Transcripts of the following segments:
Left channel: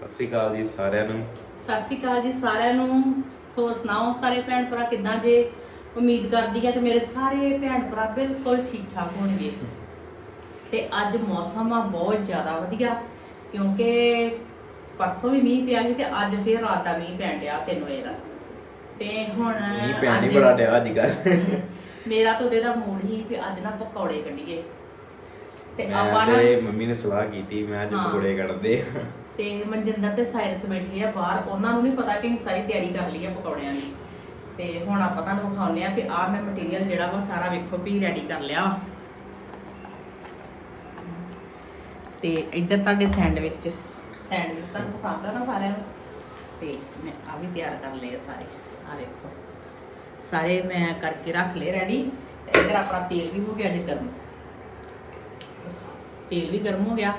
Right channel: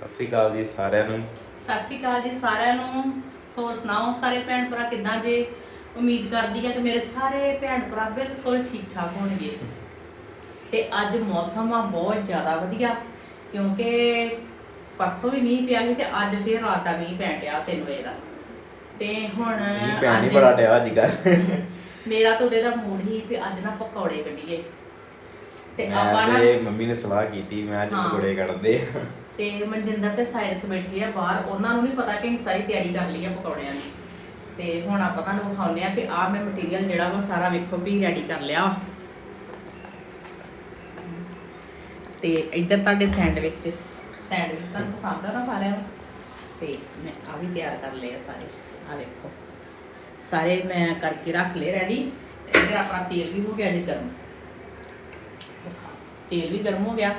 ਸਤਿ ਸ਼੍ਰੀ ਅਕਾਲ ਜੀ ਸਾਰਿਆਂ ਨੂੰ। ਸਤਿ ਸ਼੍ਰੀ ਅਕਾਲ ਜੀ ਸਾਰਿਆਂ ਨੂੰ। ਹੋਰ ਸੁਣਾਓ ਸਾਰੇ ਭੈਣ ਭਰਾ ਕਿੱਦਾਂ ਜੇ? ਉਮੀਦ ਕਰਦੀ ਆ ਕਿ ਮੇਰੇ ਸਾਰੇ ਭੈਣ ਭਰਾ ਬਿਲਕੁਲ ਠੀਕ ਠਾਕ ਹੋਣਗੇ। ਤੇ ਅੱਜ ਮੌਸਮ ਆ ਬਹੁਤ ਜ਼ਿਆਦਾ ਵਧੀਆ ਕਿਉਂਕਿ ਪਰਸੋਂ ਵੀ ਮੀਂਹ ਪਿਆ ਸੀ ਤੇ ਅੱਜ ਫੇਰ ਰਾਤ ਦਾ ਮੀਂਹ ਪੈਣ ਡਿਆ 3 ਵਜੇ ਦਾ। ਤੇ ਹੁਣ ਮੀਂਹ ਪੈਣ ਹੀ ਅੱਜ- ਬੜਾ ਡਿਆ ਅੱਜ ਕੱਲ ਮੇਰਾ ਤਾਂ ਉਹਦੇ ਦਾ ਮੂਡ ਹੀ ਵੀ ਅੱਜ ਨਾ ਪਕੌੜੇ ਕੱਢੀਏ। ਤੇ ਆਪਾਂ ਮੈਂ ਨਾ ਤੇ ਮੰਮੀ ਨੇ ਸਲਾਹ ਕੀਤੀ ਮੈਂ ਅੱਜ ਹਾਂ। ਪਕੌੜੇ ਕੱਢਦੇ ਆ। ਤੇ ਮਨਜਿੰਦਰ ਤੇ ਸਾਇੰਸ ਬੈਠੇ ਆ ਬਾਹਰ, ਉਹਨਾਂ ਨੂੰ ਨਹੀਂ ਪਤਾ ਕਿ ਅਸੀਂ ਸਾਰੀ ਤਿਆਰੀ ਕਰ ਲਈ ਆ ਪਕੌੜਿਆਂ ਦੀ। ਤੇ ਹੁਣ ਆਪਾਂ ਤੁਹਾਨੂੰ ਵਿਖਾਉਂਦੇ ਆ ਕਿ ਆਹ ਮੈਂ ਮਟੀਰੀਅਲ ਜਿਹੜਾ ਵਾ ਸਾਰਾ ਵੇਖੋ ਵੀ ਰੈਡੀ ਕਰ ਲਿਆ। ਵਾ। ਤੇ ਇੱਧਰ ਤੁਹਾਡੇ ਸੈਂਡਵਿਚ ਸੈਂਡਵਿਚ ਤੁਹਾਨੂੰ ਪਸੰਦ ਆ ਨਾ ਸਾਰਿਆਂ ਨੂੰ? ਤੇ ਮੈਂ ਆ ਵੀ ਤਿਆਰ ਕਰ ਲਏ ਆ ਸਾਰੇ ਆ ਵੇਖੋ। ਸਾਰੇ ਮੈਂ ਕਰਕੇ ਰੱਖ ਲਏ ਰੈਡੀ ਤੇ ਇੱਧਰ ਆਪਣਾ ਤੇਲ ਵੀ ਹੋ ਗਿਆ ਜੀ ਗਰਮ। ਤੇਲ ਵੀ ਗਰਮ ਹੋ ਗਿਆ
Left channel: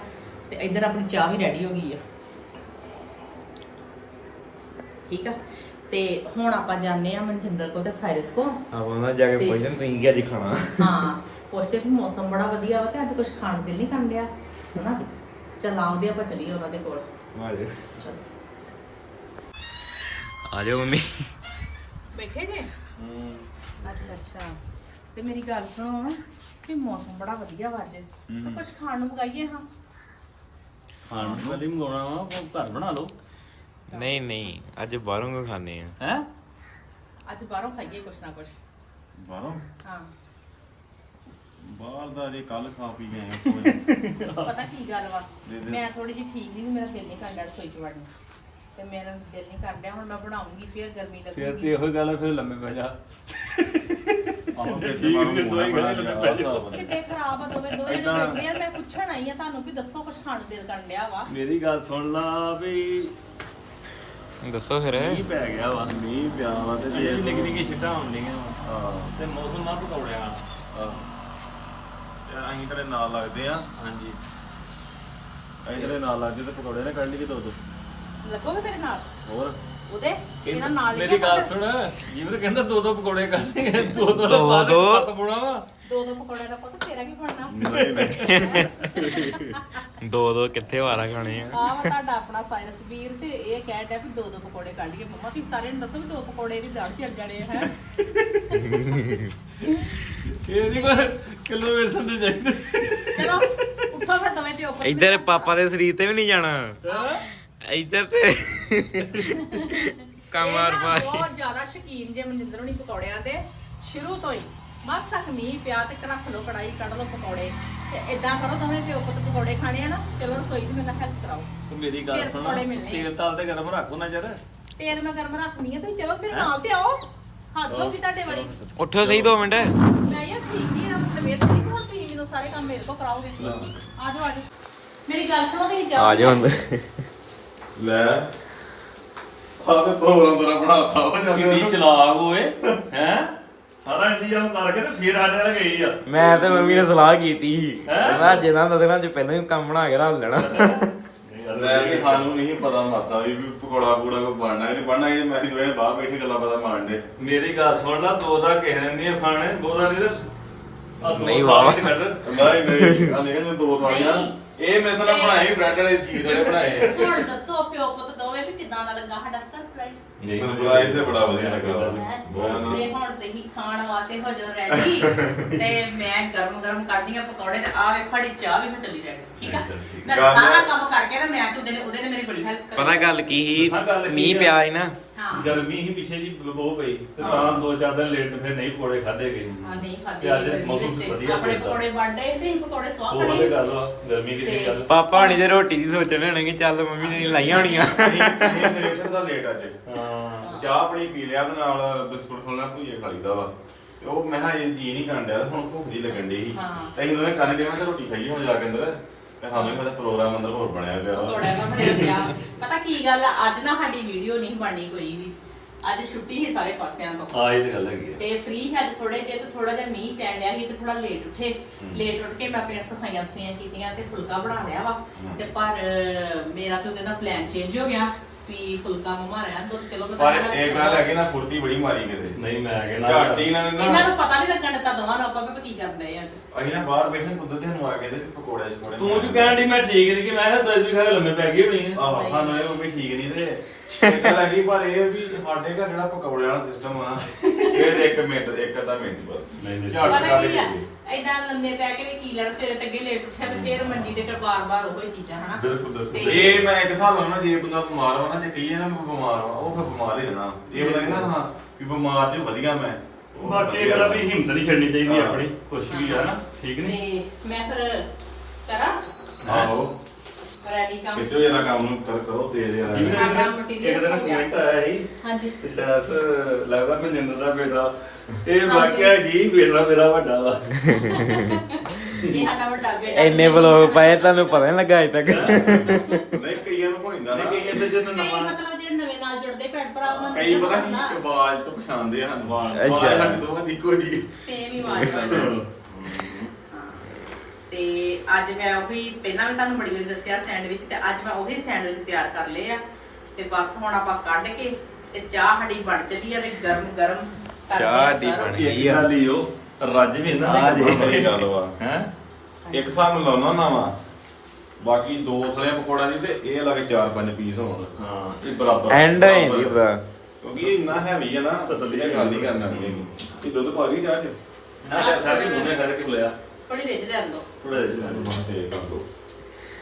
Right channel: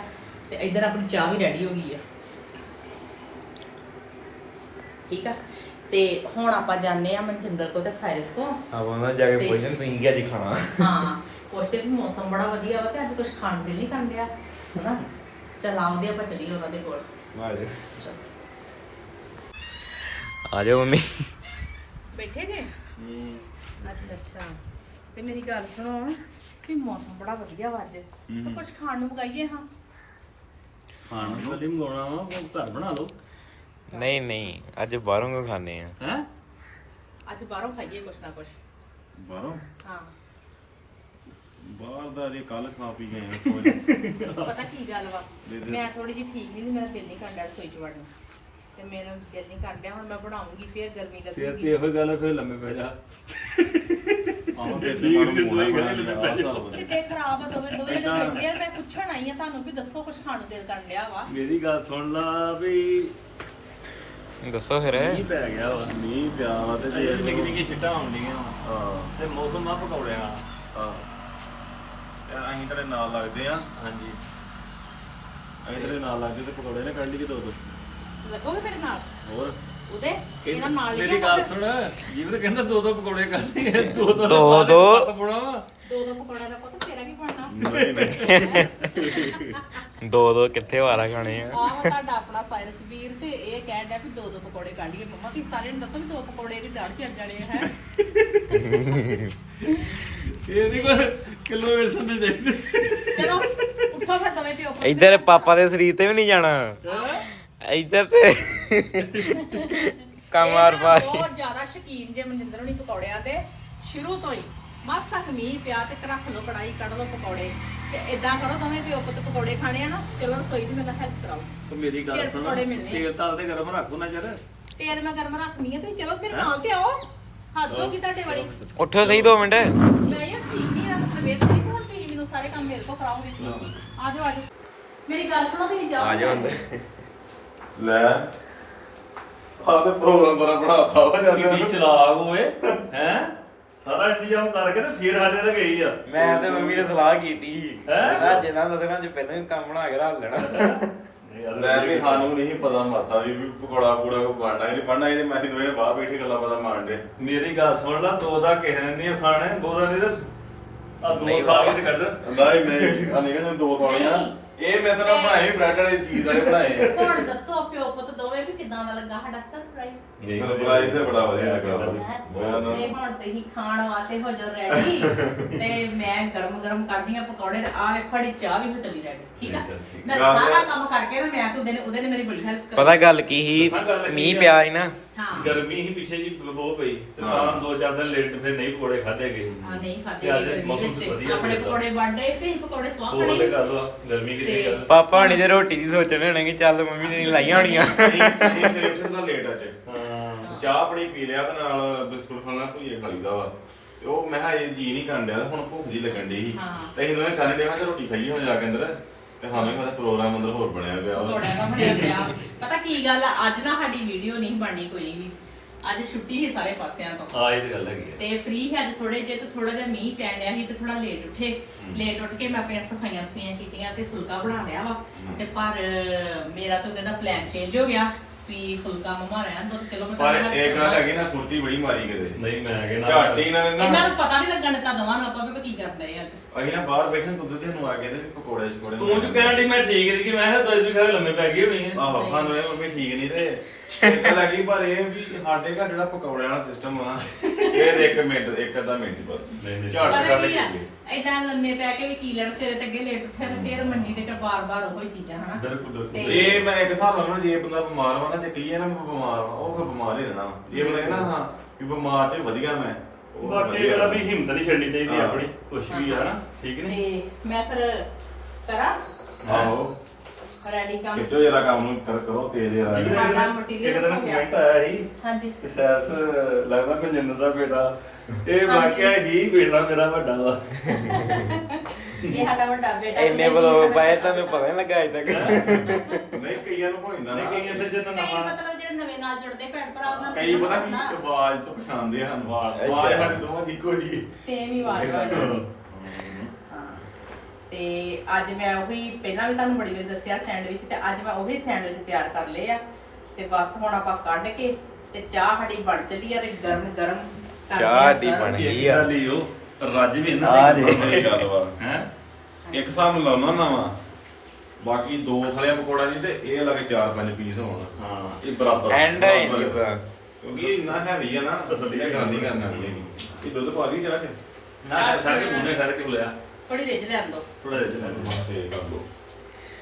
ਤੇ ਇੱਧਰ ਆਪਣੀ ਚਾਹ ਵੀ ਰੈਡੀ ਹੋ ਗਈ ਆ। ਠੀਕ ਆ? ਤੇ ਹੁਣ ਆਪਾਂ ਜਾਣੇ ਆ ਮਨਜਿੰਦਰ ਕੋ ਤੇ ਸਾਇਰਸ ਕੋ ਆਪਾਂ ਉਹਨਾਂ ਜਾ ਕੇ ਪੁੱਛਣ ਤੁਸੀਂ ਕੀ ਅੱਜ ਖਾਣਾ? ਹਾਂ ਪੁੱਛਦੇ ਕਿ ਮੌਸਮ ਬੜਾ ਵਧੀਆ ਵਾ ਤੇ ਅੱਜ ਕੁਝ ਖਾਣ ਨੂੰ ਦਿਲ ਨਹੀਂ ਕਰਨ ਡਿਆ ਹਨਾ? ਚਲ ਆਉਂਦੇ ਆਪਾਂ ਚਲੀਏ ਉਹਨਾਂ ਦੇ ਕੋਲ। ਆ ਜਾ ਚਲੋ। ਆ ਜਾਓ ਮੰਮੀ। ਬੈਠੇ ਜੇ? ਅੱਛਾ ਅੱਛਾ। ਤੇ ਮੇਰੀ ਗੱਲ ਸੁਣੋ ਕਿ ਮੌਸਮ ਬੜਾ ਵਧੀਆ ਵਾ ਅੱਜ। ਤੇ ਕੁਝ ਖਾਣ ਨੂੰ ਮੰਗਾਈਏ ਹਾਂ? ਹਾਂ ਵਾਲੀ ਮੰਗਾਉਣਾ ਵਾ ਉਹ ਘਰ ਬਣਾ ਲਓ। ਨਹੀਂ ਨਹੀਂ ਅੱਜ ਬਾਹਰੋਂ ਕੋ ਖਾਣੇ ਆ? ਹੈ? ਅੱਜ ਬਾਹਰੋਂ ਖਾਈਏ ਕੁਛ ਨਾ ਕੁਛ। ਬਾਹਰੋਂ? ਹਾਂ। ਬਾਹਰ ਦਾ ਜੇ ਕੱਲ ਖਾ ਪੀ ਗਏ ਆ ਕੋਈ ਪਤਾ ਕੀ ਗੱਲ ਵਾ। ਮੈਂ ਥੋੜੀ ਜਿਹੀ ਠੀਕ ਵੀ ਨਹੀਂ ਮੇਰਾ ਦਿਲ ਨਹੀਂ ਕਰਦਾ ਰਸੋਈ ਚ ਵੜਨ। ਤੇ ਮੇਰਾ ਦਿਲ ਨਹੀਂ ਕਰਦਾ ਹੁਣ ਮੈਂ ਬਣਾਉਂਗੀ ਫੇਰ ਗਰਮੀ ਫਿਰ ਤੇ ਲੱਗੂਗੀ ਇਹੋ ਗੱਲ ਆ, ਫਿਰ ਲੰਮੇ ਪੈ ਜਾ। ਆਹੋ ਫਿਰ ਤੇ ਬਾਹਰੋਂ ਮੋਣਾ ਹੀ ਬਣਾ ਲਿਆ ਆਹ ਹਿਸਾਬ ਨਾਲ। ਕਿਤੇ ਖਰਾਬ ਆ ਦੋਵੇਂ ਦੋਵੇਂ ਜਣੇ ਏਦਾਂ- ਬੈਠੇ ਆ ਮੈਂ ਪੁੱਛਣ ਆਈ ਆ ਤੁਹਾਨੂੰ ਵੀ ਦੱਸੋ ਕੁਝ ਖਾਣ ਨੂੰ ਦਿਲ ਕਰਨ ਡਿਆ ਵਾ। ਮੇਰੀ ਗੱਲ ਸੁਣ ਲਾ ਵੀ ਦੱਸੋ ਫਿਰ। ਮੀਂਹ ਪੈ ਗਿਆ ਵਾ ਮੀਂਹ ਪਿਆ ਵਾ ਤੇ ਜੇ ਨਿੱਕੀ ਨਿੱਕੀ ਛਿੱਟਾਂ ਆਉਂਦੀਆਂ ਵਾ। ਹਾਂ। ਤੇ ਮੌਸਮ ਆ ਪਕੌੜਿਆਂ ਦਾ ਹਾਂ। ਤੇ ਅਸੀਂ ਤੇਰੇ ਨਾਲ ਲੱਗਦੇ ਆ। ਹਾਂਜੀ। ਅਸੀਂ ਤੇਰੇ ਨਾਲ ਲੱਗਦੇ ਤੇ ਪਕੌੜੇ ਨੇ ਕੱਢ ਲਈ ਦੋ ਦੋ ਲੱਗੋਗੇ ਮੇਰੇ ਨਾਲ? ਹੋਰ? ਉਹਦੇ? ਇਹਨਾਂ ਨਾਲ ਹੀ ਮੇਰੀ ਗੱਲ ਸੁਣ। ਜੀਵਨ ਕਹਿੰਦਾ ਦੋ ਦੋ ਪਕੌੜੇ ਕਰਨੇ ਦੋ ਦੋ ਦੋ ਦੋ। ਪਕੌੜਾ ਵਾ। ਦੋ ਦੋ ਪਕੌੜਿਆਂ ਦਾ ਪਤਾ ਤੇਰਾ ਕੀ ਬਣਨਾ? ਨਹੀਂ ਨਹੀਂ ਦੋ ਦੋ ਕਿੱਥੇ ਵਾਰਾ ਖਾਣੇ ਆ? ਆਹ ਤੁਹਾਡਾ ਆਪਣਾ ਸਾਇਰਸ ਵੀਰ ਤੇ ਇਹ ਕਹਿ ਡਿਆ ਵੀ ਦੋ ਦੋ ਪਕੌੜੇ ਕੱਢੀਏ ਮੰਮਾ ਤੁਸੀਂ ਸਾਰਿਆਂ ਨੂੰ ਦੱਸੋ ਵੀ ਦੋ ਪਕੌੜੇ ਦੀ ਦਾੜ ਚੱਲ ਜਾਣੇ ਹੈ? ਇਹ ਨਹੀਂ ਕੋਈ ਕਿਲੋ ਵੇਸਣ ਦੇ ਚਾਹੀਦੇ। ਚਲੋ ਉੱਠੋ ਫਿਰ ਦਵੇਂ ਪਿਓ ਪੁੱਤ। ਇੱਧਰ ਪਾਪਾ ਦੇ ਸਰੀਰ ਤੇ ਵੀ ਨਹੀਂ ਜਾਣਾ। ਇੱਧਰ ਤੇ ਕਮਾਰ ਇਹ ਨਾ ਬਹੁਤ ਜ਼ਿਆਦਾ ਸ਼ਕੀਨ ਜੇ ਮਨਜਿੰਦਰ ਹੋਣੀ ਪਕੌੜਿਆਂ ਦੇ ਸ਼ੁਰੂ ਤੋਂ ਹੀ। ਬਸ ਤੱਕ ਮੀਂਹ ਪਿਆ ਤੇ ਰੱਖ ਲਓ ਕੜਾਈ ਕੱਢ ਲਓ ਪਕੌੜੇ। ਤੇ ਇਦਾਂ ਕਰੋ ਦਵੇਂ ਪਿਓ ਪੁੱਤ ਪਕੌੜੇ ਖਾਣੇ ਆ ਨਾ ਚਲੋ ਰਸੋਈ 'ਚ ਮੇਰੇ ਹੈਲਪ ਕਰਾਓ। ਤੇ ਮੇਰੀ ਗੱਲ ਫਿਰ ਸੁਣ ਪਕੌੜੇ ਮਿਲਣੇ। ਤੇਲ ਤਾਲ ਤੇ ਗਰਮ ਰੱਖੋ ਨਾ ਜਰ ਤੇਲ ਮੈਂ ਗਰਮ ਰੱਖਣੀ ਆ ਤੁਸੀਂ ਚਲੋ ਮੇਰੇ ਨਾਲ ਤੇ ਆਓ। ਹੱਥ ਹੋ ਗਈ ਤੁਹਾਡੇ ਵਾਲੀ। ਉੱਠੋ ਸਹੀ 2 ਮਿੰਟ। ਮੈਂ ਯਾਰ ਠੀਕ ਨਹੀਂ ਦਾ ਮਤਲਬ ਇਹ ਥੋੜੀ ਹੁਣ ਤੁਸੀਂ ਮੈਨੂੰ ਸਾਰੇ ਕੰਮ ਮੇਰੇ ਤੋਂ ਕਰਾਓਗੇ। ਆ ਜਾਓ ਆ ਜਾਓ। ਮੇਰੀ ਗੱਲ ਸੁਣੋ ਤੁਸੀਂ ਜਾਓ। ਆ ਲੈ। ਆਹ ਤੇ ਪ੍ਰੋਗਰਾਮ ਤੇਰਾ ਬਣਾਤਾ ਹੋ ਜਾਂਦਾ ਚਲਾਕ ਓਏ ਹੈ? ਸਾਰਾ ਇੰਤਜ਼ਾਮ ਕਰਕੇ ਤੇ ਫਿਰ ਸਾਡੇ ਨਾਲ ਗਈ ਆ। ਮੈਂ ਤੇ ਮੰਮੀ ਨੇ ਸਲਾਹ ਕੀਤੀ ਹੈਂ? ਮੈਂ ਅੱਜ ਇਹਨਾਂ ਦਿਨਾਂ ਚ ਪਹਿਲਾਂ ਹੀ ਕੰਮ ਬਣਾ ਕੇ ਰੱਖ ਲੈਣਾ। ਲੈ ਵੀ ਸਾਨੂੰ ਨਹੀਂ ਪਤਾ ਮਾਸਾ ਵੀ ਵੀ ਪਕੌੜਾ ਪੂੜਾ ਕੋ ਬਣਨਾ ਕਿ ਨਹੀਂ ਬਣਨਾ ਇਹ ਤੇ ਮੈਂ ਹੀ ਦੋਵੇਂ ਨੇ ਬਾਹਰ ਬੈਠੀ ਗੱਲਾਂ ਪਤਾ ਮਾਰਦੇ ਮੇਰੀ ਗੱਲ ਸੁਣ ਲੈ ਦੋ ਦਾ ਕਿਸੇ ਨੇ ਨਹੀਂ ਖਾਣੇ ਦੋ ਦਾ ਨਹੀਂ ਆ ਨਹੀਂ ਦੋ ਕੱਢ। ਨਹੀਂ ਨਹੀਂ ਆ ਨਹੀਂ ਕਹਿੰਦੇ ਦੋ ਥਾਲੀਆਂ। ਇਹ ਮੈਂ ਬਣਾਏ ਬ੍ਰੈਡ ਵਾਲੇ ਚੀਜ਼ ਵਾਲੇ ਬਣਾਏ ਹੁਣ ਦੱਸੋ ਪਿਓ ਪੁੱਤ ਦੋਵੇਂ ਵੀ ਕਿਦਾਂ ਦਾ ਲੱਗਾ ਸਾਡਾ ਸਰਪ੍ਰਾਈਜ਼ ਸਰਪ੍ਰਾਈਜ਼ ਤੇ ਬੜਾ ਵਧੀਆ ਲੱਗਾ। ਹੈਂ? ਤੇ ਹੁਣ ਤੁਸੀਂ ਖਾਣ ਵਾਸਤੇ ਹੋ ਜਾਓ ਰੈਡੀ ਤੇ ਮੈਂ ਗਰਮ ਗਰਮ ਕਰਦੀ ਆ ਪਕੌੜੇ ਤੇ ਆ ਵੇਖੋ ਸਾਡੀ ਚਾਹ ਵੀ ਹੋ ਚੱਲੀ ਰੈਡੀ ਠੀਕ ਆ? ਅੱਛਾ, ਠੀਕ। ਮੈਂ ਗੱਲ- ਸਾਰਾ ਕੰਮ ਕਰਕੇ ਨਾ ਮੈਂ ਤੇ ਉਹਦੇ ਨੇ ਉਹਦੇ ਨੇ ਮੇਰੀ ਬੜੀ ਹੈਲਪ ਕੀਤੀ। ਪਤਾ ਗੱਲ ਕੀ ਸੀ? ਦੱਸਾਂ ਗੱਲ ਕੀ ਮੀਂਹ ਆ? ਪਿਆ ਸੀ ਨਾ। ਹਾਂ। ਗਰਮੀ ਹੀ ਪਿੱਛੇ ਜੀ ਬਹੁਤ ਪਈ ਤੇ ਹਾਂ। ਤਾਂ ਦੋ ਚਾਰ ਦਿਨ ਲੇਟ ਫਿਰ ਨਹੀਂ ਪਕੌੜੇ ਖਾਦੇ ਗਏ। ਆ ਨਹੀਂ ਖਾਦੇ ਤੇ ਆਪਣੇ। ਪਕੌੜੇ ਪਕੌੜੇ ਸਵਾਹ ਗਰਮੀ ਦੀ ਗੱਲ। ਪਾਪਾ ਹਣੀ ਰੋਟੀ ਦੀ ਸੋਚਣ ਹੋਣੇ ਕਿ ਚੱਲ ਮੰਮੀ ਨੇ ਲਾਈਆਂ ਹੋਣੀਆਂ। ਇਹ ਲੇਟ ਅੱਜ। ਹਾਂ। ਚਾਹ ਆਪਣੀ ਪੀ ਲਿਆ ਤੇ ਨਾਲ ਬਿਸਕੁਟ ਖਾਣਾ ਭੁਜੇ ਖਾ ਲਈਦਾ ਵਾ। ਤੇ ਉਹ ਮੈਂ ਕਿਹਾ ਇਹ ਜੀ ਨਹੀਂ ਕਰਨ ਡਿਆ ਤੇ ਹੁਣ ਭੁੱਖ ਜੀ ਲੱਗਣ ਡਈ ਸੀ। ਹਾਂ। ਤੇ ਅਸੀਂ ਦੋਵੇਂ ਕੰਨ ਡਿਆ ਮੈਂ ਕਿਹਾ ਰੋਟੀ ਖਾਈਏ ਹੁਣ ਜਾ ਕੇ ਅੰਦਰ। ਤੇ ਸਾਨੂੰ ਵੀ ਪਤਾ ਪ੍ਰੋਗਰਾਮ ਅੰਦਰ ਹੋਰ ਬਣਿਆ ਪਿਆ ਵਾ। ਪਕੌੜੇ ਦਾ ਬਣਿਆ ਪਿਆ। ਪਤਾ ਕੀ ਗੱਲ ਆ ਅੱਜ ਨਾ ਸਾਡੀ ਵੀਡੀਓ ਨਹੀਂ ਬਣਨੀ ਕੋਈ ਵੀ। ਅੱਜ ਛੁੱਟੀ ਹੀ ਸਾਰੇ ਪਾਸਿਆਂ ਤੋਂ। ਹਾਂ ਇਹ ਤੇ ਗੱਲ ਹੈਗੀ ਤੇ ਫ੍ਰੀ ਹੈ ਤੇ ਥੋੜੇ ਜੇ ਤੇ ਥੋੜਾ ਜਿਹਾ ਮੀਂਹ ਪੈਣ ਡਿਆ ਸੀ ਤੇ ਥੋੜਾ ਲੇਟ ਉੱਠੇ। ਲੇਟ ਉੱਠ ਕੇ ਮੈਂ ਆਪਣੀਆਂ ਸਫਾਈਆਂ ਸਫਾਈਆਂ ਕੀਤੀਆਂ ਤੇ ਫੁਲਕਾ ਬਣਾ ਲਿਆ ਵਾ। ਤੇ ਪਰ ਮੇਰਾ ਤਾਂ ਉਹਦਾ ਪਲਾਨ ਚੇਂਜ ਹੋ ਗਿਆ। ਵੀ ਫੁਲਕਾ ਮਾਰਿਆ ਦੁੱਧ ਚਲੋ ਮੈਂ ਪਰ ਤਾਂ ਇਹ ਗੱਲ ਹੈਗੀ ਨਾ ਫੁਰਤੀ ਬੜੀ ਮਾਰੀ ਕਰੇ ਨਹੀਂ ਮੈਂ ਕਹਿੰਦਾ ਝਾਟੀ ਨੇ ਇਹਨਾਂ ਨਾ ਨੂੰ ਪਤਾ ਨਹੀਂ ਲੱਗਣ ਦਿੱਤਾ ਦੋਵਾਂ ਨੂੰ ਆਪਾਂ ਵੀ ਕੀ ਕਰਦੇ ਆ ਅੱਜ। ਅਸੀਂ ਨਾ ਬਾਹਰ ਬੈਠੇ ਕੁਦਰਤ ਨੂੰ ਆ ਕੇ ਤੇ ਪਕੌੜੇ ਛਕੌੜੇ ਤੂੰ ਜੋ ਕਹਿਣ ਦੀ ਮੈਂ ਠੀਕ ਨਹੀਂ ਕਿ ਮੈਂ ਕਿਹਾ ਦਸ ਵੀ ਖੜੇ ਲੰਮੇ ਪੈ ਗਏ ਹੋਣੀ ਨੇ। ਆਹੋ ਸਾਨੂੰ ਇਹ ਮੰਮੀ ਠੀਕ ਨਹੀਂ ਤੇ। ਇੱਕ ਲੱਗੀ ਪਰ ਇਹ ਵੀ ਸਾਡੇ ਘਰ ਜਿਹੜਾ ਪਕੌੜੇ ਵਾਲਾ ਸਿਸਟਮ ਆ ਇਹ ਦੇ ਇੱਕ ਮਿੰਟ ਇੱਕ ਅੱਧਾ ਮਿੰਟ ਬਸ। ਨਹੀਂ, ਨਹੀਂ। ਝਟ ਪਤਾ ਕੀ ਆ? ਐਦਾਂ ਲੰਮੇ ਪੈ ਕੇ ਵੀ ਕੀ ਲੈਣ ਸਿਰੇ ਤੇ ਅੱਗੇ ਲੇਟ ਉੱਠਿਆ ਤੇ ਫੇਰ ਮੰਜੀ ਤੇ ਬਾਰ-ਬਾਰ ਉਹੀ ਚੀਜ਼ਾਂ ਹਨਾ? ਬਿਲਕੁਲ ਬਿਲਕੁਲ। ਤੇ- ਇਹ ਮੈਂ ਇੱਕ ਹਿਸਾਬ ਨਾਲ ਨਾ ਜੇ ਬੰਦਾ ਬਿਮਾਰ ਵਾ ਨਾ ਜੇ ਕਹੀਏ ਨਾ ਬਿਮਾਰ ਵਾ ਉਹ ਫਿਰ ਬਿਮਾਰ ਹੀ ਰਹਿਣਾ। ਇਹ ਬੰਦਾ ਕਹਿੰਦਾ ਹਾਂ ਵੀ ਬਿਮਾਰ ਤੇ ਵਧੀਆ ਮੈਂ। ਉਹ ਬਾਕੀ ਵਧੀਆ। ਇਹ ਗੱਲ ਵੀ ਹਿੰਮਤ ਨਹੀਂ ਛੱਡਣੀ ਚਾਹੀਦੀ ਹਾਂ। ਆਪਣੀ ਕੁਛ ਵੀ ਆ ਨਾ ਠੀਕ ਨਹੀਂ? ਤੇ ਮੈਂ ਫਿਰ ਕਰਾਂ? ਆਹੋ। ਰੈਡੀ ਕੰਮ। ਕਿਤੋਂ ਜਰਾ ਕੰਮ ਨੂੰ? ਕਰ ਕਰੋ ਤੇਜ਼ ਠੀਕ ਆ। ਸਾਡਾ ਇੱਕ material ਦਿਨ ਹੋ ਗਿਆ। ਕਮੈਂਟ ਆਇਆ ਸੀ। ਹਾਂਜੀ। ਕਿ ਸੈਸ ਲੱਗਦਾ ਮਨਿੰਦਰ ਦਾ ਬੇਟਾ। ਇਹ ਵਾਕਿਆ ਹੀ ਬੇਟਾ ਮੇਰਾ ਵੱਡਾ ਵਾ। ਇਹ ਸਾਡਾ ਵੱਡਾ ਬੇਟਾ ਇੰਨੇ ਬਲੌਗ ਪਾਏ ਤੁਹਾਨੂੰ ਪਤਾ ਨਹੀਂ ਲੱਗਾ ਅਜੇ ਤੱਕ। ਨਹੀਂ ਕਈਆਂ ਨੂੰ ਹੋ ਜਾਂਦਾ ਨਹੀਂ ਨਾ ਕਈਆਂ ਦੇ ਜਦੋਂ ਕਈ ਨਵਾਂ ਮਤਲਬ ਜਿਹੜੇ ਨਵੇਂ ਨਾਲ ਜੁੜਦੇ ਭੈਣ ਭਰਾ ਉਹਨਾਂ ਕਈ ਪਤਾ ਕੀ ਆਵਾਜ਼ ਤੋਂ ਪਛਾਣਦੇ ਹਨ ਆਵਾਜ਼। ਆਵਾਜ਼ ਸਾਡੇ ਦੋਵਾਂ ਦੀ ਇੱਕੋ ਜੀ ਸੇਮ ਹੀ ਆਵਾਜ਼ ਹਾਂ। ਤੇ ਅੱਜ ਮੈਂ ਉਹੀ ਪਹਿਲਾਂ ਵੀ ਤੁਹਾਨੂੰ ਬੜੀ ਵਾਰੀ ਦੱਸਿਆ ਸੈਂਡਵਿਚ ਤੇ ਅੱਜ ਮੈਂ ਉਹੀ ਸੈਂਡਵਿਚ ਤਿਆਰ ਕਰ ਲਏ ਆ। ਤੇ ਬਸ ਹੁਣ ਆਪਾਂ ਕੱਢ ਕੇ ਤੇ ਚਾਹ ਸਾਡੀ ਬਣ ਚੱਲੀ ਆ ਤੇ ਗਰਮ ਗਰਮ ਕਰਦੇ ਚਾਹ ਆ ਸਾਡੀ ਸਾਰਾ। ਬਣ ਗਈ ਆ। ਰੱਜ ਵੀ ਨਾ ਆ ਜੇ। ਉਹੀ ਗੱਲ ਵਾ। ਹੈ? ਇੱਕ ਹਿਸਾਬ ਨਾਲ ਲਾਉਣਾ ਨਾ ਵਾ। ਬਾਕੀ ਦੋ ਥਲੇ ਪਕੌੜਾ ਦੀ ਤੇ ਇਹ ਲੱਗੇ ਚਾਰ ਪੰਜ ਪੀਸ ਹੋਣ। ਹਾਂ ਇਹ ਬਰਾਬਰ ਐਂਡ ਰਹਿੰਦੀ ਪੂਰਾ ਕਿਉਂਕਿ ਇਹ ਇੰਨਾ ਹੈਵੀ ਆ ਨਾ ਤਸੱਲੀ ਗੱਲ ਨਹੀਂ ਕਰਨਾ ਨਹੀਂ ਹੈਗੀ ਇਹ ਦੁੱਧ ਪਾ ਦੀ ਜਾ ਕੇ ਨਾ ਸਾਰੇ ਮੁੰਨੇ ਖੜੇ ਕਿ ਲਿਆ ਥੋੜੀ ਰਿੱਝ ਲੈਣ ਦੋ ਥੋੜਾ ਜਿਹਾ ਮੈਂ ਤੇ ਕਰ ਦੋ।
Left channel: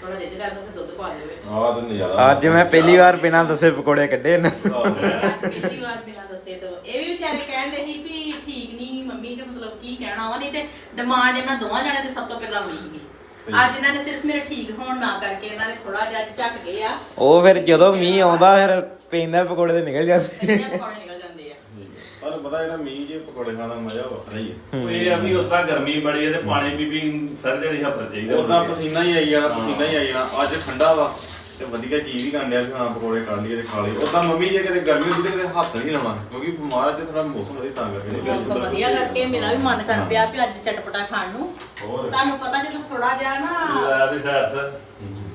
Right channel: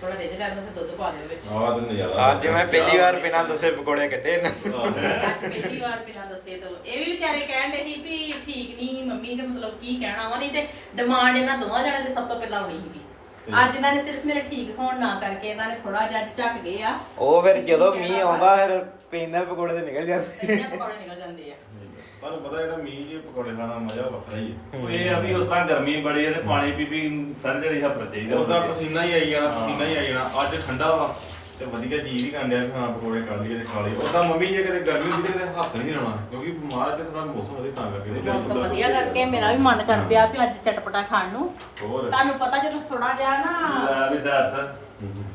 ਥੋੜਾ ਰਿੱਝ ਲੈਣ ਦੋ ਫਿਰ ਦੁੱਧ ਪਾ ਦਿਓ ਵਿੱਚ। ਆਹ ਤਾਂ ਨਜ਼ਾਰਾ ਅੱਜ ਮੈਂ ਪਹਿਲੀ ਵਾਰ ਬਿਨਾਂ ਦੱਸੇ ਪਕੌੜੇ ਕੱਢੇ ਨੇ। ਅੱਜ ਪਹਿਲੀ ਵਾਰ ਬਿਨਾਂ ਦੱਸੇ ਤੋਂ। ਇਹ ਵੀ ਵਿਚਾਰੇ ਕਹਿਣ ਦੇ ਸੀ ਵੀ ਠੀਕ ਨਹੀਂ ਮੰਮੀ ਨੇ ਮਤਲਬ ਕੀ ਕਹਿਣਾ ਵਾ ਨਹੀਂ ਤੇ ਡਿਮਾਂਡ ਇਹਨਾਂ ਦੋਵਾਂ ਜਣਿਆਂ ਦੇ ਸਭ ਤੋਂ ਪਹਿਲਾਂ ਹੋਣੀ ਸੀਗੀ। ਸਹੀ। ਅੱਜ ਇਹਨਾਂ ਨੇ ਸਿਰਫ ਮੇਰੇ ਠੀਕ ਹੋਣ ਨਾ ਕਰਕੇ ਇਹਨਾਂ ਨੇ ਥੋੜਾ ਜਿਹਾ ਝੱਕ ਗਏ ਆ। ਉਹ ਫਿਰ ਜਦੋਂ ਮੀਂਹ ਆਉਂਦਾ ਫਿਰ ਪੈਂਦਾ ਪਕੌੜੇ ਤੇ ਨਿਕਲ ਜਾਂਦੇ। ਇੰਨੇ ਪਕੌੜੇ ਨਿਕਲ ਜਾਂਦੇ ਆ। ਤੁਹਾਨੂੰ ਪਤਾ ਜਿਹੜਾ ਮੀਂਹ ਜੇ ਪਕੌੜੇ ਖਾਣ ਮਜ਼ਾ ਵੱਖਰਾ ਹੀ ਹੈ। ਉਹ ਇਹ ਆ ਵੀ ਉਤਰਾ ਗਰਮੀ ਬੜੀ ਹੈ ਤੇ ਪਾਣੀ ਪੀ ਪੀ ਸਾਰੇ ਦਿਨ ਹੱਪਰ ਚਾਹੀਦਾ ਉਹਦਾ ਪਸੀਨਾ ਹੀ ਆਈ ਜਾਣਾ ਪਸੀਨਾ ਹੀ ਆਈ ਜਾਣਾ। ਅੱਜ ਠੰਡਾ ਵਾ ਤੇ ਵਧੀਆ ਜੀ ਵੀ ਕਰਨ ਡਿਆ ਵੀ ਹਾਂ ਪਕੌੜੇ ਕੱਢ ਲਈਏ ਤੇ ਖਾ ਲਈਏ। ਉਹਦਾ ਮੰਮੀ ਜੇ ਕਿਤੇ ਗਰਮੀ ਹੁੰਦੀ ਤੇ ਕਿਤੇ ਹੱਥ ਨਹੀਂ ਲਾਉਣਾ ਕਿਉਂਕਿ ਬਿਮਾਰ ਤੇ ਥੋੜਾ ਮੌਸਮ ਵਧੀਆ ਤਾਂ ਕਰਕੇ ਮੌਸਮ ਵਧੀਆ ਕਰਕੇ ਮੇਰਾ ਵੀ ਮਨ ਕਰ ਪਿਆ ਵੀ ਅੱਜ ਚਟਪਟਾ ਖਾਣ ਨੂੰ। ਹੋਰ? ਤੁਹਾਨੂੰ ਪਤਾ ਜਦੋਂ ਥੋੜਾ ਜਿਹਾ ਨਾ ਲੈ ਵੀ ਸੈਸ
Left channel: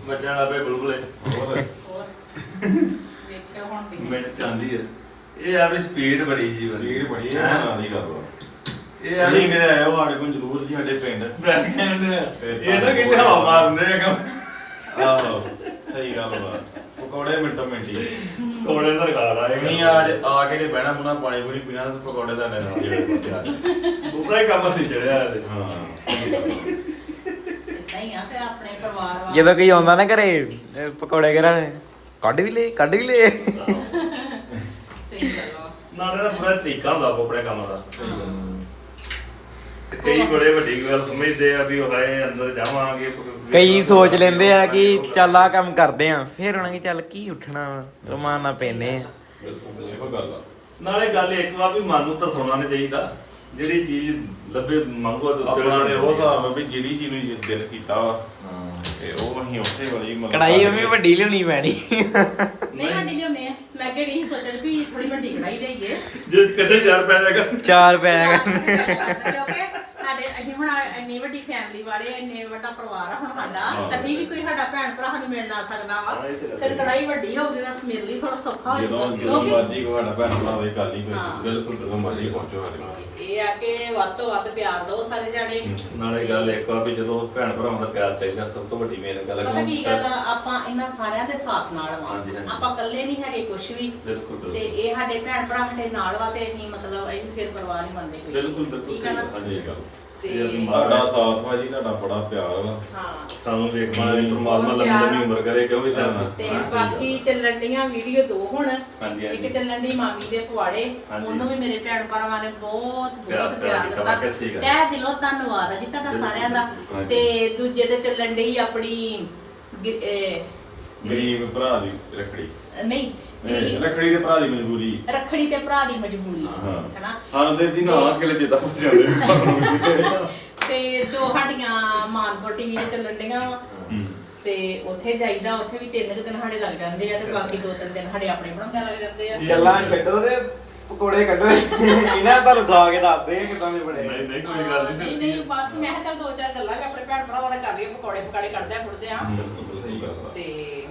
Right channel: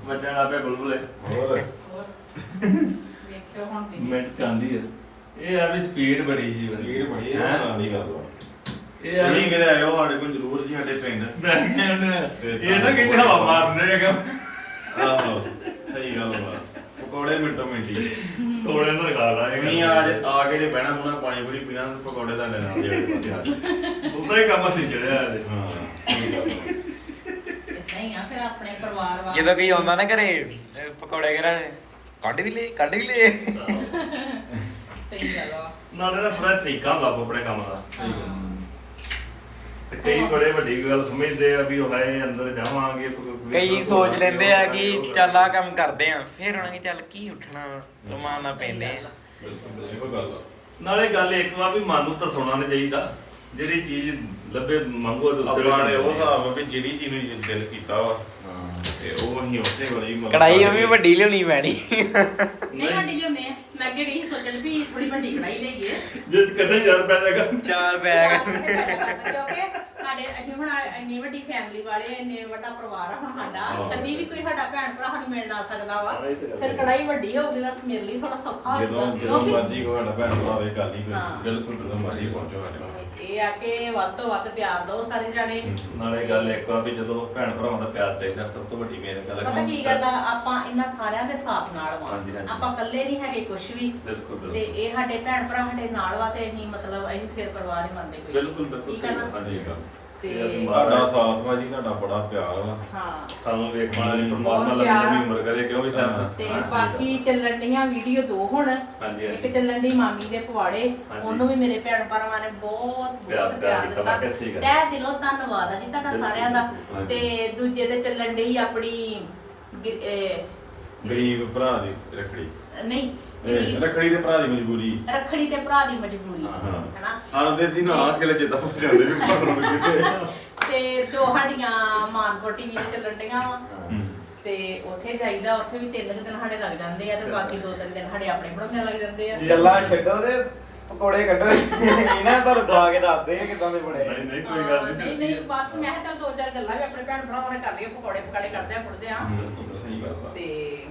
ਮੱਝਾਂ ਆਪੇ ਬੁਲਬੁਲੇ ਹੋਰ? ਹੋਰ। ਦੇਖਿਓ ਹੁਣ ਮਿੰਟ ਚਾਂਦੀ ਹੈ ਇਹ ਆ ਵੀ ਸਪੀਡ ਬੜੀ ਜੀ ਸਰੀਰ ਬੜੀ ਹੈ? ਦੀ ਗੱਲ ਇਹ ਆ ਵੀ ਕਿਤੇ ਆਇਓ ਸਾਡੇ ਕੋਲ ਜ਼ਰੂਰ ਜੀ ਸਾਡੇ ਪਿੰਡ। ਕਹਿੰਦਾ ਇਹ ਤਾਂ ਕਿਤੇ ਹਵਾ ਮਾਰਨੇ ਆ ਕੰਮ। ਆਹੋ ਸਹੀ ਗੱਲ ਵਾ। ਪਕੌੜੇ ਮਿੰਟੋ ਮਿੰਟੀ ਕੋੜੇ ਨਾਲ ਖਾ ਲਾਂਗੇ ਨਹੀਂ ਆ ਆ ਕੇ ਨੇ ਬਹਿਣਾ ਮੁਣਾ ਪਾਣੀ ਪੂਰੀ ਪੀਣਾ ਤੇ ਪਕੌੜੇ ਦਾ ਲੈਣਾ ਜਿਹੜੇ ਜਾਓ। ਉਹਦਾ ਹੀ ਕੰਮ ਹਾਂ ਵਾ। ਨਹੀਂ ਆ ਫਿਰ ਆਪਣੇ ਪਰਿਵਾਰ ਵਾਲੇ ਜਦੋਂ ਕੋਈ ਆਉਂਦਾ ਨਾ ਘਰੇ ਪਕੌੜੇ ਕਰਾਂ ਕੱਢ ਵੀ ਲੈ ਕੱਢ ਵੀ ਲੈ ਆ ਨਾਲੇ ਨਾ ਪੂਰਾ ਤਰੀਕਾ ਹੁੰਦਾ ਆਪੋ ਆਪਣੇ ਕੰਮ ਦਾ। ਤੇ ਕਈ ਬੜੇ ਵੱਡੀ ਗੱਲ ਸਮਝਦੇ ਆ ਵੀ ਉਹ ਹੈ ਅੰਦਰ ਜਾਵਾਂਗੇ ਕਈ ਸੋਚ ਲੈਂਦੇ ਆ ਕਿ ਚੱਲ ਆ ਕੰਮ ਕਰਦੇ ਆ। ਫਿਰ ਉਹਨਾਂ ਕਿ ਚੱਲ ਕੀ ਉੱਠਣਾ ਰਮਾਨਾ ਪੈਨੇ ਬਿਲਕੁਲ ਇਹੋ ਗੱਲ ਆ ਨਾਲੇ ਗੱਲ ਇੱਕ ਵਾ ਵੀ ਮਨ ਨੂੰ ਤਰਸਾਉਣਾ ਨਹੀਂ ਚਾਹੀਦਾ। ਜਿਹੜੀ ਚੀਜ਼ ਲੱਭੇ ਮੰਗੋ ਦੂਸਰੇ ਆਪਣਾ ਨੇ ਉਹ ਹਿਸਾਬ ਆ ਵੀ ਜਿਹੜੀ ਚੀਜ਼ ਨੂੰ ਦਿਲ ਕੀਤਾ ਵਾ ਤੇ ਉਹ ਅਸੀਂ ਉਸੇ ਵਾਲੀ ਮਤਲਬ ਕੜਾਈ ਉਹ ਵੀ ਵੱਡੀ ਲਿਆਉਣੀ ਪੈਣੀ। ਨਹੀਂ ਸਾਡੀ ਆ ਮੈਂ ਕਿਹੜੀ ਸੀ ਸੋਚਣ ਵੀ ਥੋੜੀ ਵੱਡੀ ਕੜਾਈ ਲਈਏ। ਜੇ ਕੱਢੇ ਚਾਰ ਪੈ ਜਾਗਾ ਚਾਰ ਪੈਗ ਕਿਉਂਕਿ ਇੰਨੀ ਵੱਡੀ ਫੈਮਿਲੀ ਵਾਲੇ ਇੰਨੇ ਵੱਡਾ ਪਰਿਵਾਰ ਆ ਹੁਣ ਸਾਡਾ ਹਾਂ। ਕਦੀ ਵੀ ਕੋਈ ਸਾਡਾ ਭੈਣ ਭਰਾ ਸਾਨੂੰ ਮਿਲ ਨਾ ਸਕਦਾ ਵਾ। ਹਾਂ, ਇਹ ਤੇ ਗੱਲ ਫਿਰ ਹੈ। ਕੜਾਈ ਵੱਡੀ ਹੋਊਗੀ ਤਾਂ ਮੇਰੇ ਲਈ ਥੋੜਾ ਸੌਖਾ ਹੋ ਜਦੋਂ ਜਾਂਦਾ ਜਦੋਂ ਕਿਉਂਕਿ ਮਰਜ਼ੀ ਕੋਈ ਸਾਡਾ ਭੈਣ ਭਰਾ ਹੋਵੇ ਗੱਲ ਹੀ ਹਾਂ। ਕੋਈ ਬਿਲਕੁਲ ਜਦੋਂ ਮਰਜ਼ੀ ਪਹੁੰਚੋ ਸਾਡੇ ਕੋਲ ਇਹ ਆ ਕਿ ਵੱਧ ਤੋਂ ਵੱਧ ਪਿਆਰ ਦਿਓ ਸਾਰੇ ਜਾਣੇ। ਨਾਲੇ ਗੱਲ ਇੱਕ ਆ ਵੀ ਜਦੋਂ ਭੈਣ ਭਰਾਵਾਂ ਦਾ ਪਿਆਰ ਚਾਹੀਦਾ ਸਭ ਤੋਂ ਵੱਡੀ ਮੇਨ ਗੱਲ ਪਤਾ ਕੀ ਗੱਲ ਆ ਆਪਾਂ ਇਹਨਾਂ ਸਾਰਿਆਂ ਦੇ ਸਾਥ ਨਾਲ ਵਾ। ਹਾਂਜੀ, ਹਾਂਜੀ। ਆਪਾਂ ਇਕੱਲੇ ਨਹੀਂ ਹੈਗੇ ਕੁਝ ਵੀ। ਬਿਲਕੁਲ ਤੇ ਬਿਲਕੁਲ। ਇਹ ਸਾਡੇ ਭੈਣ ਭਰਾ ਸਾਡੇ ਨਾਲ ਵਾ ਤੇ ਅਸੀਂ ਮਤਲਬ ਅਸੀਂ ਫਿਰ ਪਰਵਾਹ ਨਹੀਂ ਮੰਨਦੇ ਕੋਈ ਬਿਲਕੁਲ ਬਿਲਕੁਲ ਠੀਕ ਆ ਨਾ? ਹਾਂਜੀ ਇਹ ਗੱਲ। ਤੇ ਤੁਹਾਡਾ ਸਾਥ ਵਾ ਜੀ ਤੁਹਾਡਾ ਬੜਾ ਪਿਆਰ ਵਾ ਹਾਂ ਸਾਨੂੰ ਵੇਖ ਮਾਰੇ ਪਰਮਾਤਮਾ ਲੰਮੀ ਲੰਮੀ ਉਮਰ ਕਰੇ ਕਿਉਂ ਵੀ ਹਾਂ। ਤੇ ਹਾਂ, ਸਹੀ ਬਾਕੀ ਚੱਲਣ ਡੀਆਂ ਵੀਡੀਓ ਦੋ ਹੁਣ ਹਾਂਜੀ, ਇੱਕ। ਚੱਲਣ ਦੀ ਮਾਮੀ ਦੇ ਪਵਾੜੇ ਹਾਂਜੀ। ਉਹਨੂੰ ਵੀ ਮੇਰੇ ਭੈਣ ਭਰਾਵਾਂ ਨੇ ਬਹੁਤ ਪਿਆਰ- ਬਹੁਤ ਪਿਆਰ ਦਿੱਤਾ ਸਹੀ ਗੱਲ। ਤਹਿ ਦਿਲੋਂ ਧੰਨਵਾਦ ਆ ਜੀ ਤੁਹਾਡਾ ਬਿਲਕੁਲ, ਸਾਰਿਆਂ ਦਾ। ਤੇ ਦੂਜੇ ਤੇ ਚੱਲਣ ਡਈ ਆਪਣੀ ਗਿ- ਇਹ, ਗਰੀਬ ਭਰਾ ਦੀ ਰੱਖੜੀ ਨਹੀਂ ਰੱਖੜੀ ਦੇ ਭਰਾ ਦੀ ਮਜਬੂਰੀ। ਰੱਖੜੀ ਤੇ ਭਰਾ ਦੀ ਮਜਬੂਰੀ ਹਾਂ। ਹਨਾ? ਹਾਂ ਤੇ ਜੀ ਨਾ ਕਿਲੇ ਚੇਤਾ ਪੁੱਛ ਜਾਂਦੇ ਵੀ। ਤੇ ਦੋ ਸਾਡੀਆਂ ਮਾਨਪੁਰ ਟੀਵੀ ਤੇ ਚੱਲਣ ਡੀਆਂ ਵਾ। ਤੇ ਉੱਥੇ ਜਾਈਦਾ ਉੱਥੇ ਵੀ ਤਿੰਨ ਕੁ ਦਿਨ ਸਾਡੇ ਲੱਗ ਜਾਂਦੇ ਆ ਤੇ ਬਾਕੀ ਦੋ ਤਿੰਨ ਦਿਨ ਸਾਡੇ ਆਪਣੇ ਬਣਾਉਂਦੇ ਲੱਗ ਜਾਂਦੇ ਆ। ਗੱਲਾਂ ਛੱਡੋ ਤੇ ਪਕੌੜੇ ਕੱਢੋ। ਇਹਨਾਂ ਤੁਹਾਨੂੰ ਖਾ ਕੇ ਦੱਸਦੇ ਆ ਕਿਦਾਂ ਦੇ ਬਣੇ। ਨਹੀਂ ਨਹੀਂ ਕੋਈ ਗੱਲ ਨਹੀਂ ਨਹੀਂ ਨਹੀਂ ਬਸ ਮੈਂ ਕਿਹਾ ਚੱਲ ਦੋ ਚਾਰ ਗੱਲਾਂ ਵੀ ਆਪਣੇ ਭੈਣ ਭਰਾਵਾਂ ਨਾਲ ਕਰ ਲਈਏ ਪਕੌੜੇ ਪਕਾੜੇ ਕਰਦੇ ਆ ਫੁੱਟਦੇ ਆ। ਸਹੀ ਗੱਲ ਆ। ਤੇ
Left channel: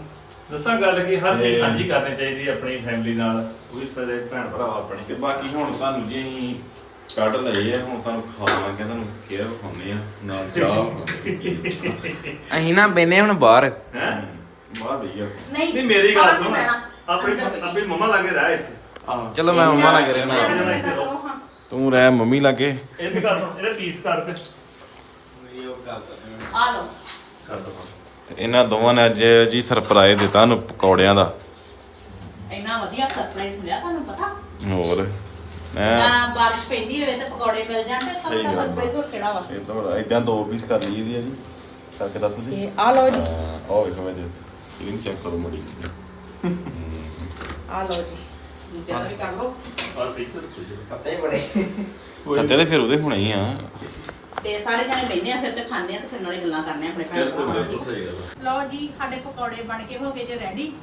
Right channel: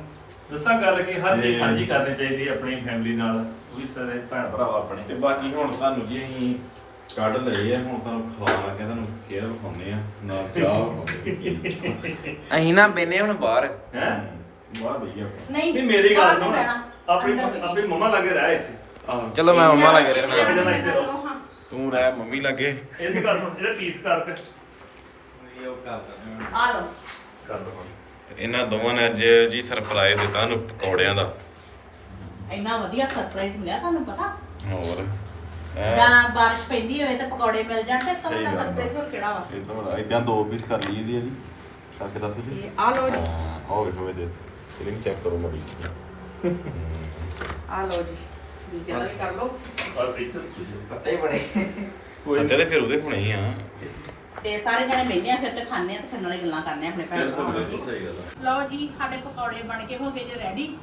ਦੱਸਾਂ ਗੱਲ ਕੀ ਹਰ ਚੀਜ਼ ਤੇ- ਸਾਂਝੀ ਕਰਨੀ ਚਾਹੀਦੀ ਹੈ ਆਪਣੀ ਫੈਮਿਲੀ ਨਾਲ ਉਹ ਵੀ ਸਾਰੇ ਭੈਣ ਭਰਾ ਆਪਣੇ ਤੇ ਬਾਕੀ ਹੁਣ ਤੁਹਾਨੂੰ ਜੀ ਅਸੀਂ ਕੱਢ ਲਏ ਆ ਹੁਣ ਤੁਹਾਨੂੰ ਖਾ ਲਾਂਗੇ ਤੁਹਾਨੂੰ ਕੇਅਰ ਵਿਖਾਉਂਦੇ ਆ। ਨਾਲ ਚਾਹ ਅਸੀਂ ਨਾ ਬੈਨੇ ਹੁਣ ਬਾਹਰ। ਹੈ? ਬਾਹਰ ਭਈਆ ਨਹੀਂ ਨਹੀਂ ਮੇਰੀ ਗੱਲ ਨੀ ਸੁਣ। ਆਪਣੀ। ਆਪਣੀ ਮੰਮਾ ਲਾਗੇ ਰਹਿ ਇੱਥੇ। ਚਲੋ ਮੈਂ ਮੰਮਾ ਲੱਗ ਰਹਿਣਾ। ਤੂੰ ਰਹਿ ਮੰਮੀ ਲਾਗੇ। ਇਹਨੂੰ ਕਰ ਦੋ ਇਹਦਾ ਪੀਸ ਕਰਕੇ। ਆ ਲਓ। ਕਰ ਦੋ। ਇਹਨਾਂ ਦੋਵਾਂ ਨੇ ਅੱਜ ਜੀ ਸਰਪ੍ਰਾਈਜ਼ ਦਿੱਤਾ ਸਾਨੂੰ ਪਕੌੜਿਆਂ ਦਾ। ਇੰਨਾ ਵਧੀਆ ਸਰਪ੍ਰਾਈਜ਼ ਮਿਲਿਆ ਤੁਹਾਨੂੰ ਪਤਾ? ਹੋਰ? ਹੈਂ? ਜਾਂ ਬਾਰਿਸ਼ ਪੈਂਦੀ ਹੋਵੇ ਤੇ ਪਕੌੜੇ ਮਿਲ ਜਾਣ ਤੇ ਸਭ ਸਹੀ ਤੋਂ ਗੱਲ ਆ। ਸਰਪ੍ਰਾਈਜ਼ ਹੋਰ ਕਿਹੜਾ ਵਾ? ਇਹ ਤਾਂ ਬੜਾ ਇਦਾਂ ਦੋ ਪੀਸ ਕਰ ਲਈ ਇਹਦੀ ਆ ਜੀ। ਕਰਕੇ ਦੱਸੋ ਜੀ। ਆ ਲਓ ਜੀ। ਹਾਂ ਆਹ ਵੇਖੋ ਮੈਂ ਦੇ ਫਿਲਿੰਗ ਚੈੱਕ ਕਰੋ ਮੜੀ ਆ ਲਓ ਜੀ। ਵੀ ਕਰ ਲਓ। ਪੱਤੇ ਬੜੇ। ਤੇ ਫਿਰ ਉਹਦੇ ਹੁਣੇ ਹੀ ਆ। ਤੇ ਸਾਰੇ ਜਣੇ ਬੈਠਦੇ ਆ ਫਿਰ ਤੇ ਖਾਂਦੇ ਆ ਤੇ ਫਿਰ ਨਾਲੇ ਗੱਲਾਂ ਕਰਨੇ ਆ ਆਪਣੇ ਭੈਣ ਬਿਲਕੁਲ ਭਰਾਵਾਂ ਬਿਲਕੁਲ ਨਾਲ। ਸਹੀ ਗੱਲ ਹੈ ਲਓ ਜੀ ਸਾਡੇ ਪਕੌੜੇ ਬਣ ਕੇ ਹੋ ਗਏ ਜੇ ਰੈਡੀ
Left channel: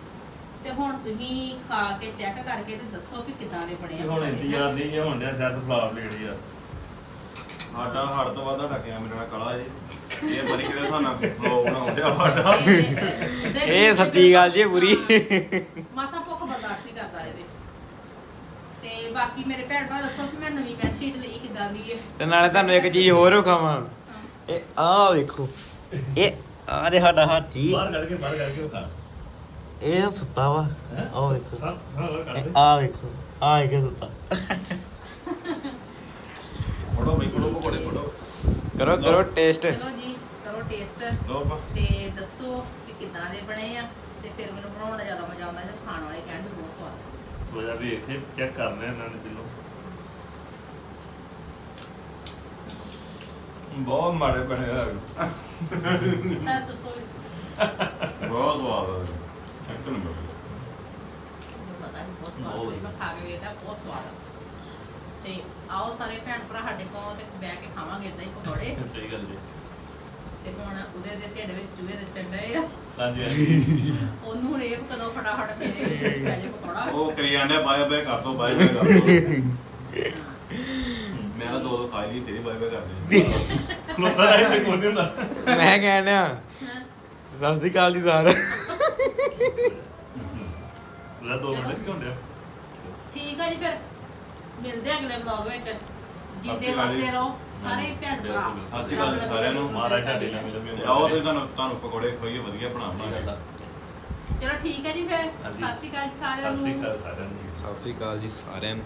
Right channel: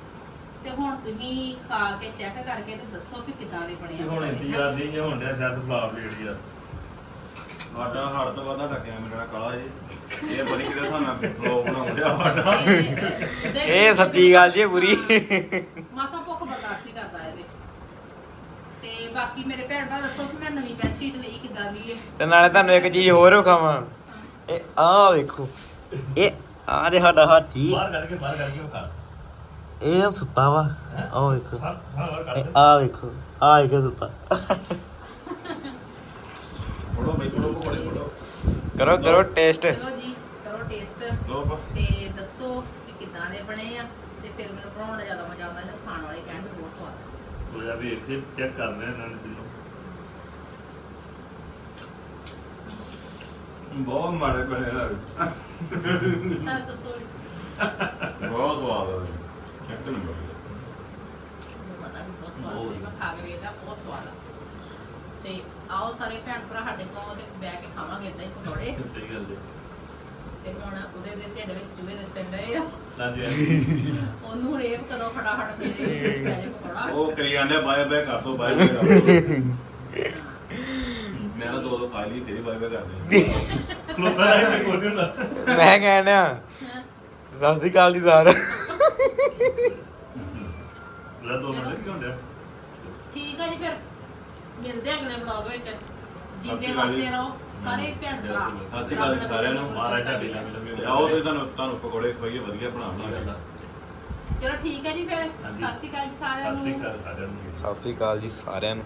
ਤੇ ਹੁਣ ਤੁਸੀਂ ਖਾ ਕੇ ਚੈੱਕ ਕਰਕੇ ਤੇ ਦੱਸੋ ਵੀ ਕਿਦਾਂ ਦੇ ਬਣੇ ਇਹ ਆ ਹੁਣ ਇੰਤਜ਼ਾਰ ਨਹੀਂ ਜੇ ਹੁੰਦਿਆ ਸ਼ਾਇਦ ਫਲਾਪ ਲੈਣੀ ਆ। ਸਾਡਾ ਹੜ ਤੋਂ ਵੱਧ ਟੱਕਿਆ ਮੇਰਾ ਕਾਲਾ ਜੀ। ਇਹ ਬੜੀ ਕਿਤੇ ਸਾਨੂੰ ਫਲੋ ਬਣਾਉਂਦਿਆ ਸਾਡਾ। ਇਹ ਸੱਚੀ ਗੱਲ ਜੀ ਪੂਰੀ। ਮਾਸਾ ਭੁੱਖ ਬਰਦਾਸ਼ਤ ਨਹੀਂ ਕਰਦਾ ਇਹਦੇ ਤੇ ਬਾਕੀ ਮੇਰੇ ਭੈਣ ਭਰਾ ਦੱਸੋ ਕਿ ਮੈਂ ਨਵੀਂ ਬੈੱਡ ਸ਼ੀਟ ਲਈ ਕਿਦਾਂ ਦੀ ਹੈ ਤੇ ਨਾਲੇ ਤੁਹਾਨੂੰ ਇੱਕ ਚੀਜ਼ ਹੋਰ ਵਿਖਾਵਾਂ। ਇਹ ਆਹ ਵੇਖੋ। ਇਹ ਆ ਦੇ ਸਾਡਾ ਹਾਥੀ ਬਾਹਰ ਕੱਢ ਕੇ ਬਾਹਰ ਕੱਢ ਕੇ ਖਾ ਇਹ ਸੁੱਤਾ ਵਾ। ਆਹ ਵੇਖੋ। ਆਹ ਵੇਖੋ। ਆਹ ਇੱਕ ਸੁੱਤਾ। ਬਈ ਪਕੌੜੇ ਫੋਟੋ ਕਰੋ ਕਰੋ ਟੇਸਟ ਚਲੋ ਜੀ ਕਰੋ ਟੇਸਟ ਲੋ ਪਾ ਤੇ ਦੱਸੋ ਕਿ ਕਿਦਾਂ ਦੇ ਬਣੇ ਆ। ਤੇ ਫਿਰ ਮੈਨੂੰ ਬਣਾਉਣ ਦਾ ਜ਼ਿਆਦਾ ਮਜ਼ਾ ਆਉਂਦਾ ਜਦੋਂ ਖਾਣ ਵਾਲੇ ਕਹਿਣ ਬਹੁਤ ਸਵਾਦ। ਆ। ਲੋਇਆ ਵੀ ਇੱਥੇ ਚੈੱਕ ਕਰਨੇ ਇਹਨਾਂ ਨੂੰ ਬਹੁਤ ਮਾੜੇ ਬਣੇ ਆ। ਬਹੁਤ ਸਵਾਦ ਆ। ਇੱਕ ਨੰਬਰ ਕੇ ਤੇ ਆਓ ਸਾਰੇ ਭੈਣ ਭਰਾ ਸਾਡੇ ਕੋਲ ਤੇ ਬਹਿ ਕੇ ਖਾਵਾਂਗੇ ਇਦਾਂ ਹੀ ਪਕੌੜੇ। ਸਹੀ ਗੱਲ ਜੀ ਤੇ ਹੁਣ ਉਹਦੇ ਦੇ ਢਿੱਡ ਵਿੱਚ ਚੂਹੇ ਦੇ ਚੰਡੇ ਆ। ਹਾਂਜੀ ਹਾਂਜੀ। ਉਹਨੂੰ ਹੁਣ ਇਹ ਵੀ ਕਦੋਂ ਫਟਾਫਟ ਮੇਰੇ ਵਿੱਚ ਪੈ ਜੇ ਪਕੌੜਾ। ਉਹ ਕਰੀ ਜਾਂਦੇ ਬਾਏ ਬਾਏ ਕਰ ਦੋ ਬਾਏ ਬਾਏ ਕਰ ਦੋ। ਮੈਂ ਤਾਂ ਦੋ ਦੋ ਖਾ ਲਈ ਫਿਰ ਬਾਏ ਬਾਏ ਕਰਦੇ ਲੋਕਾਂ ਦਾ ਇੱਥੇ ਕੋਈ ਨਹੀਂ ਹੁੰਦਾ ਮੈਂ ਕਹਿਣ ਡਿਆ ਹਾਂ। ਸਤਿ ਸ਼੍ਰੀ ਅਕਾਲ ਜੀ ਸਾਰ ਲੈ ਦੋ ਮਿੰਟ ਕੀ ਹੁੰਦੇ ਆ ਠੀਕ ਆ ਜੀ ਫਿਰ ਮਿਲਦੇ ਆ ਅਗਲੇ ਵਲੌਗ ਵਿੱਚ। ਜਿੰਦੇ ਸਤਿ ਸ਼੍ਰੀ ਅਕਾਲ ਵਸਦੇ ਜੀ। ਰਹੋ ਸਾਰੇ ਭੈਣ ਭਰਾ। ਸਤਿ ਸ਼੍ਰੀ ਅਕਾਲ ਜੀ ਸਾਰਿਆਂ ਨੂੰ। ਮਹਾਰਾਜ ਤੁਹਾਡੀ ਲੰਮੀ ਲੰਮੀ ਤੇ ਆਓ ਤੇ ਤੁਹਾਨੂੰ ਤੁਹਾਨੂੰ ਪਕੌੜੇ ਖਵਾਈਏ ਵਧੀਆ ਬਣਾ ਬਣਾਵਾਂਗੇ ਚਲੋ ਠੀਕ ਹੈ ਜੀ ਫਿਰ। ਹਾਂਜੀ। ਸਤਿ ਸ਼੍ਰੀ ਅਕਾਲ ਜੀ ਸਾਰਿਆਂ ਸਤਿ ਸ਼੍ਰੀ ਨੂੰ। ਅਕਾਲ ਸਾਰਿਆਂ ਨੂੰ। ਸਤਿ ਸ਼੍ਰੀ ਅਕਾਲ ਜੀ ਸਾਰਿਆਂ ਨੂੰ।